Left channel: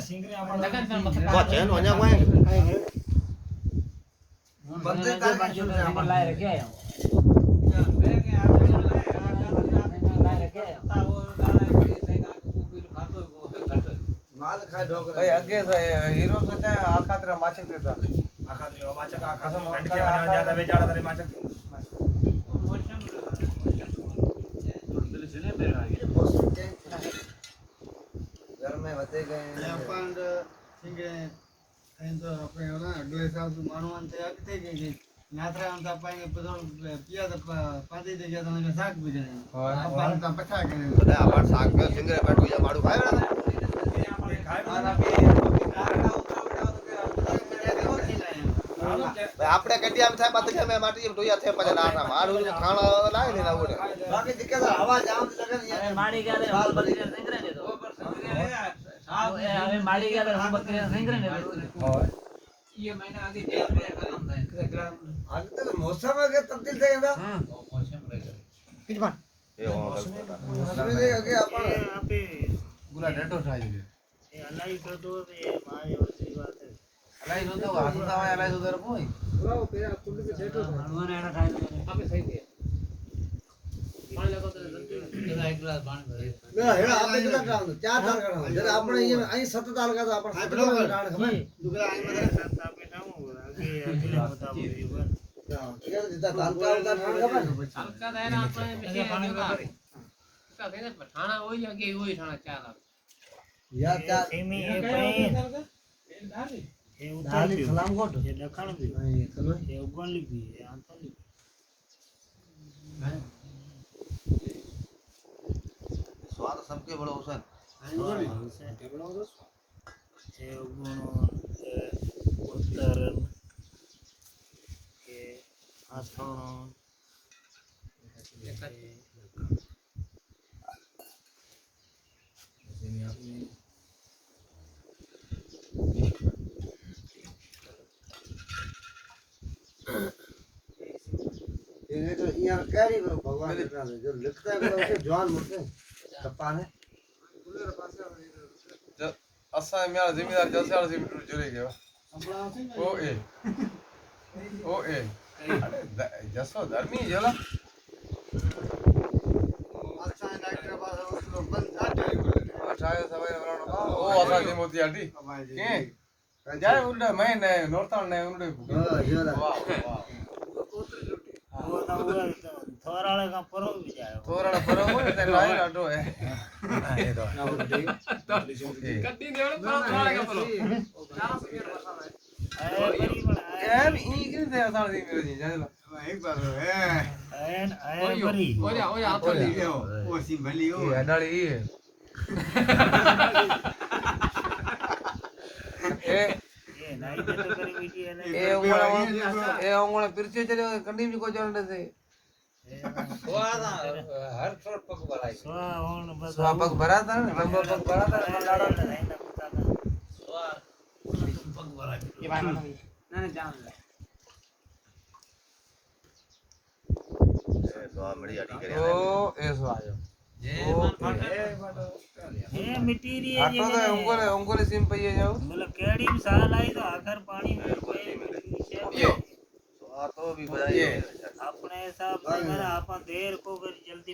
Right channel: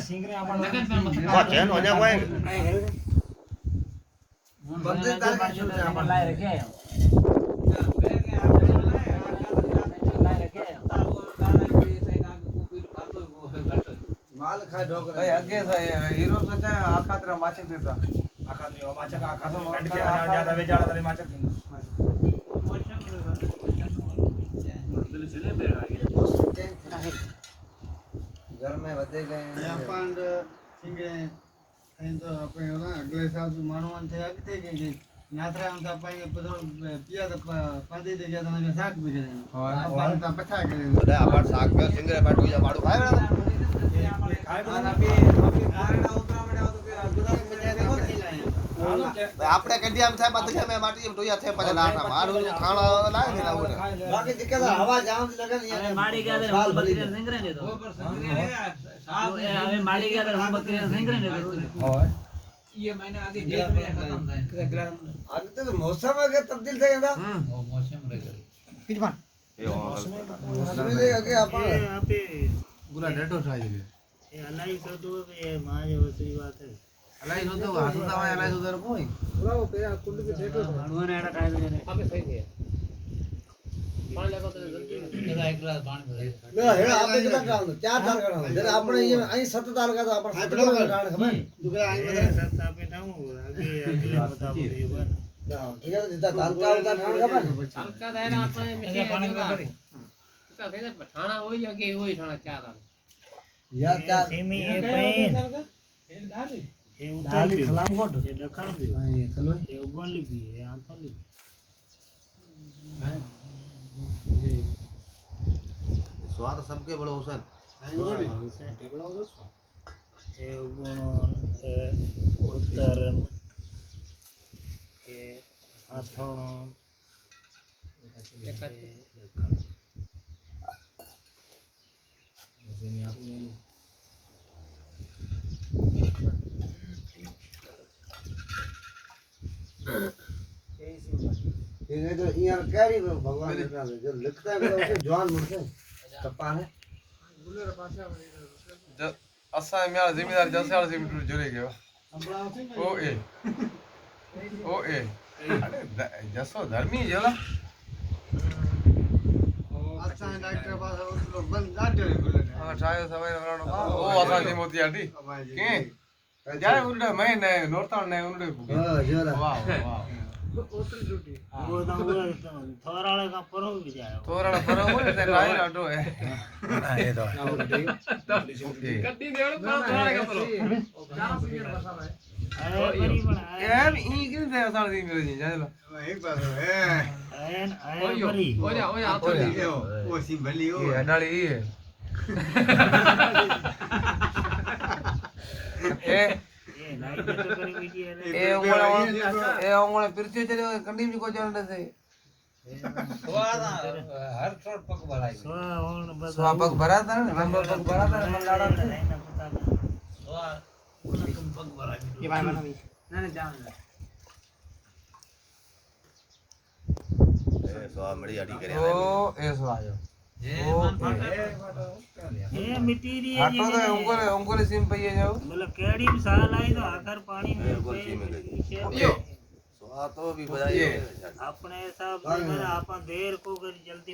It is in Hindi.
सिंगरे अपन बात है ना न्या वाए बंदे ताल शुरू से अपन लाए रखे हैं माल खाए ढोकर भाई आगे से हीरो से चाहे आखा तेरा माचे देता आखा नहीं माचा का आखा ठंड के ज्यादा बेचारा तेरे माचा घर में होते गए अपन सिंगे इन तो अपने ना अगले साल मानवान थे आगे थे गए यात्रा हम तो पाएंगे पिया तो पादी दे गया तो ना साग भी दे अपन तो पता के બધા આબાર શાક મે સિંગરે બેઠું જા માડું ખાય ને આપણે કડિયામ થાય બતલે મે માટી ઢોયા થાય પછી લાટા મારું ખાણા લાગે ને લાવું बाकी दिक्कत हवा जाम लगन अरे माड़ी गया रे हम बकरी सिंगरे ने तो हमें माड़ी गया रे हम बकरी सिंगरे ने तो ये महीना आदि डेट में खत्म है आज तक मौसम के तब्दील थे ना मौसम रह એ હો मौसम में आगे अपन यहाँ पे पूरा डेटो થાય ये अलाई तो तो ये माँ जो सी बात है અલાઈ નો તો હાસુતા હોય અલાઈ તો કોઈ पूरा वो पे कुंड पे छेके हनुमान एड़ा खाई ले हमें सही दे पानी लगा तो जगह एक गिलास पानी भरे ना है आपने कितना काम चार साल का जरा आपने ये અહીં 7 साल का तो अपन 7 का कारण खबर दूसरा અહીં बता सत्ता पे काम होगा आगे अगला बताओ ये बात ठीक है जितना दाल का होता कारण खबर सरका दायरा आपने में पानी भरे इसका फेर ठाणा होई के होई ठाणा चार या चार सेमी ये पैन ये उतार भी खलाम कोट ये दखन भी ये चलो ये उगली भी है आंतली સ્વાદ सबके बड़ो हुसैन ये उगण ये उतरन ये आथण ये तो यार कैरी करो भगवान के नाम से जो लिखता है उसे जवान मुझसे कप्पा है અસા મેરા જમીદાર જસાળ સે મીટર જોઈ ગયો ઓ એ અરે જસો ધર્મી જેલા अच्छा डॉक्टर पास लोग बंद काटे ઠાયો સવાય વરાણો ઓ અસા જે મોતી આડી કે જાય ઉડે મે ને નોરતા ને ઉડે हां जरा વાહ વાહ वो थोराले का परो भी जायो તોરણ ફરો હોય તે લાઈ લાડો હે કટ્ટી દેવડો તોરણ का ફરો यार ई के से असा दी मिल जाए एक बार है आयन आयन बरी ओया ओया हाथ दी वो सी भली हो ये अडाली ई है ए ये नाइट तो करी हुई है ए ओंगला पिरचे चले कंडी भी को जाने से हर छोट पक भराई स्वा होन बस स्वापक भरा था लंबा पक भरा था मन लाड़ा ये भाई मानो नहीं जान સ્વાદ મળી આડી કરે ओ ऐसो आयो ओ ये मटेरियल आटो तो ओंगले सिम पे जाओ मतलब केड़ी भी साल आई तो आखिर पानी में સ્વાદ તો બી બધા अपने हिसाब से अपन देर को जल्दी